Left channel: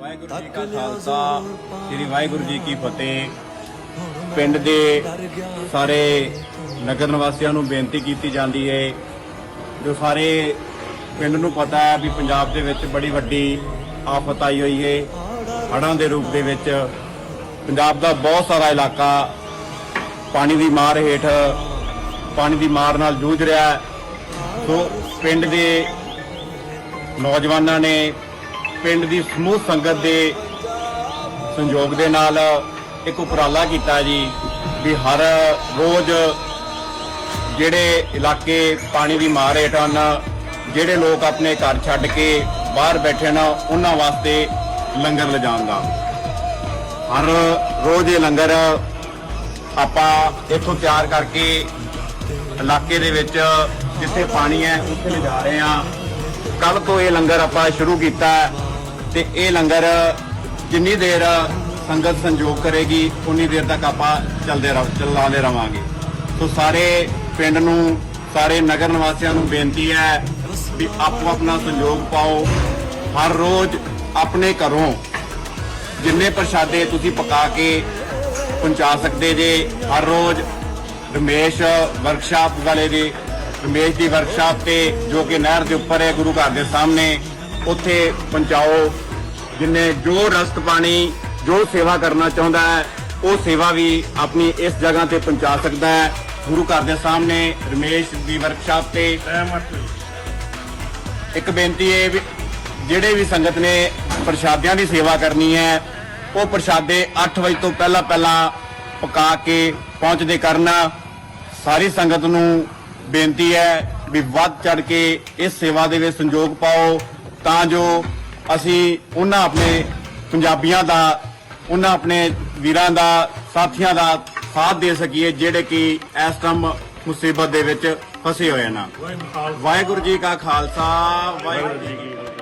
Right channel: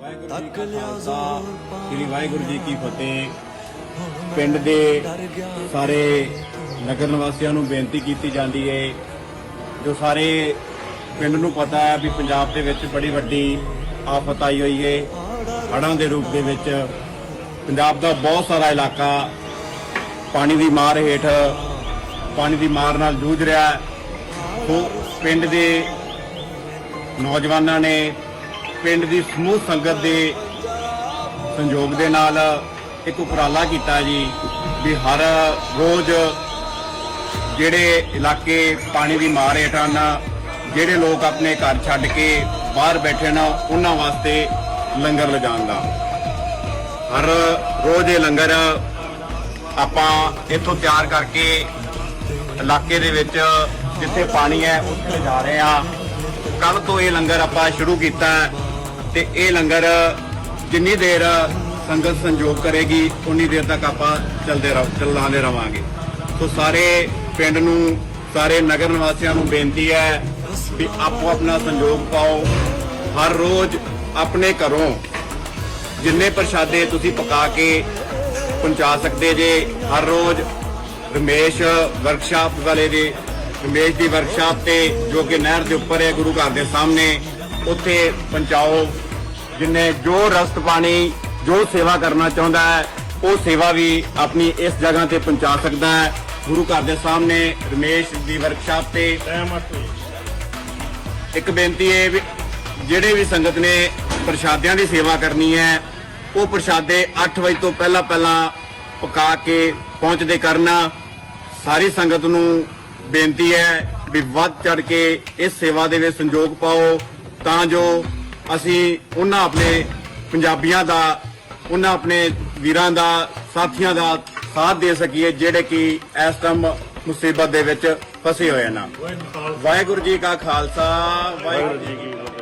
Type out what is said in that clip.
ਵਾਹਿਗੁਰੂ ਜੀ ਕਾ ਖਾਲਸਾ ਸ੍ਰੀ ਵਾਹਿਗੁਰੂ ਜੀ ਕੀ ਫਤਿਹ। ਪਿੰਡ ਦੇ ਸਾਰੇ ਨਗਰ ਨਿਵਾਸੀਆਂ ਨੂੰ ਬੇਨਤੀ ਕੀਤੀ ਜਾਂਦੀ ਹੈ ਜੋ ਸਾਰੇ ਪਿੰਡ ਨੂੰ ਪਤਾ ਹੈ ਵੀ ਪੰਜਾਬ ਦੇ ਵਿੱਚ ਬੜੀ ਵੱਡੀ ਆਫਤ ਆਈ ਹੋਈ ਹੈ ਹੜ੍ਹਾਂ ਦੇ ਰੂਪ ਦੇ ਵਿੱਚ। ਪੰਜਾਬ ਦਾ ਬਹੁਤ ਸਾਰਾ ਇਲਾਕਾ ਪਾਣੀ ਦੀ ਮਾਰ ਹੇਠ ਪਾਣੀ ਦੀ ਮਾਰ ਨਾਲ ਜੂਝ ਰਿਹਾ। ਹੈ ਸੋ ਪਿੰਡ ਦੇ ਨੌਜਵਾਨਾਂ ਨੇ ਪਿੰਡ ਦੀ ਸਮੂਹ ਸੰਗਤ ਦੇ ਸੰਯੋਗ ਦੇ ਨਾਲ ਇੱਕ ਉਪਰਾਲਾ ਕੀਤਾ ਜੀ, ਵੀ ਹਰ ਰੋਜ਼ ਜਿਹੜੇ ਇਲਾਕੇ ਪਾਣੀ ਦੀ ਮਾਰ ਹੇਠ ਹਨ, ਜਿਹੜੇ ਲੋਕ ਆਪਣੇ ਘਰ ਛੱਡ ਕੇ ਬਾਹਰ ਬੈਠੇ ਨੇ ਉਹਨਾਂ ਵਾਸਤੇ ਲੰਗਰ ਲਿਜਾਣ ਦਾ। ਹਰ ਰੋਜ਼ ਇਹ ਲੰਗਰ ਆਪਾਂ ਇੱਥੋਂ ਤਿਆਰ ਕਰਕੇ ਇਲਾਕੇ ਦੇ ਵਿੱਚ ਜਿੱਥੇ ਪਾਣੀ ਹੈ, ਉੱਥੇ ਜਾ ਰਹੇ ਹਾਂ। ਕੱਲ ਤੋਂ ਇਹ ਲੰਗਰ ਆਪਾਂ ਸ਼ੁਰੂ ਕੀਤਾ ਤੇ ਇਹ ਲੰਗਰ ਜਿੰਨੀ ਦੇਰ ਸੰਗਤ ਸੰਯੋਗ ਕਰੇਗੀ, ਉਨੀ ਦੇਰ ਤੱਕ ਆਪਾਂ ਚੱਲਦੇ ਰਹ, ਚੱਲਾਂਦੇ ਰਵਾਂਗੇ। ਸੋ ਸਾਰੇ ਪਿੰਡ ਨੂੰ, ਸਾਰੇ ਨਗਰ ਨਿਵਾਸੀਆਂ ਨੂੰ ਬੇਨਤੀ ਹੈ ਕਿ ਆਪੋ ਆਪਣਾ ਸੰਯੋਗ ਪਾਓ। ਹਰ ਰੋਜ਼ ਆਪਣੇ ਘਰੋਂ ਜਿੰਨੇ ਪ੍ਰਸ਼ਾਦੇ ਤੁਸੀਂ ਪਕਾ ਕੇ ਪਹੁੰਚਾ ਸਕਦੇ ਜੇ, ਹਰ ਰੋਜ਼ ਰਮੇਸ਼ ਵਰਕਸ਼ਾਪ ਵਾਲੇ ਦੇ ਰਮੇਸ਼ ਦੀ ਵਰਕਸ਼ਾਪ ਤੇ ਜੋ ਕਿ ਨਹਿਰ ਦੇ ਉੱਪਰ ਹੈ, ਗੁਰੂ ਘਰ ਦੇ ਸਾਹਮਣੇ ਉੱਥੇ ਪਹੁੰਚਾਓ। ਜਿੰਨੇ ਜੋ ਰਸਤ ਪਾਣੀ, ਜੋ ਸੇਵਾ ਕਰਨਾ ਚਾਹੁੰਦਾ ਹੈ, ਉਹ ਸੇਵਾ ਵੀ ਆਪਣੀ ਇਸ ਜਗ੍ਹਾ ਤੇ ਪਹੁੰਚਾ ਸਕਦਾ ਹੈ। ਗੁਰੂ ਘਰ ਦੇ ਸਾਹਮਣੇ ਰਮੇਸ਼ ਦੀ ਵਰਕਸ਼ਾਪ ਤੇ ਇੱਕ ਬੇਨਤੀ ਹੈ ਵੀ, ਜਿਹੜੇ ਵੀ ਸੰਗਤ ਨੇ ਪ੍ਰਸ਼ਾਦਿਆਂ ਦੀ ਸੇਵਾ ਕਰਨੀ ਹੈ, ਉਹ ਪ੍ਰਸ਼ਾਦੇ 8 ਵਜੇ ਤੋਂ ਪਹਿਲਾਂ ਪਹਿਲਾਂ ਪਕਾ ਕੇ ਪਹੁੰਚਦੇ ਕਰਨਾ। ਸਾਰੀ ਸੰਗਤ ਨੂੰ ਬੇਨਤੀ ਹੈ ਵੀ ਵੱਧ ਚੜ ਕੇ ਇਸ ਸੇਵਾ ਦੇ ਵਿੱਚ ਸੰਯੋਗ ਪਾਓ। ਤਾਂ ਜੋ ਅਸੀਂ ਉਹਨਾਂ ਆਪਣੇ ਪੰਜਾਬੀਆਂ ਦਾ ਉਹਨਾਂ ਆਪਣੇ ਵੀਰਾਂ ਦਾ ਸਾਥੀਆਂ ਦਾ ਸਾਥ ਦੇ ਸਕੀਏ ਜਿਹੜੇ ਕਿ ਇਸ ਟਾਈਮ ਮੁਸੀਬਤ ਦੇ ਵਿੱਚ ਫਸੇ ਹੋਏ ਹਨ। ਵਾਹਿਗੁਰੂ ਜੀ ਕਾ ਖਾਲਸਾ ਵਾਹਿਗੁਰੂ ਜੀ ਕੀ ਫਤਿਹ।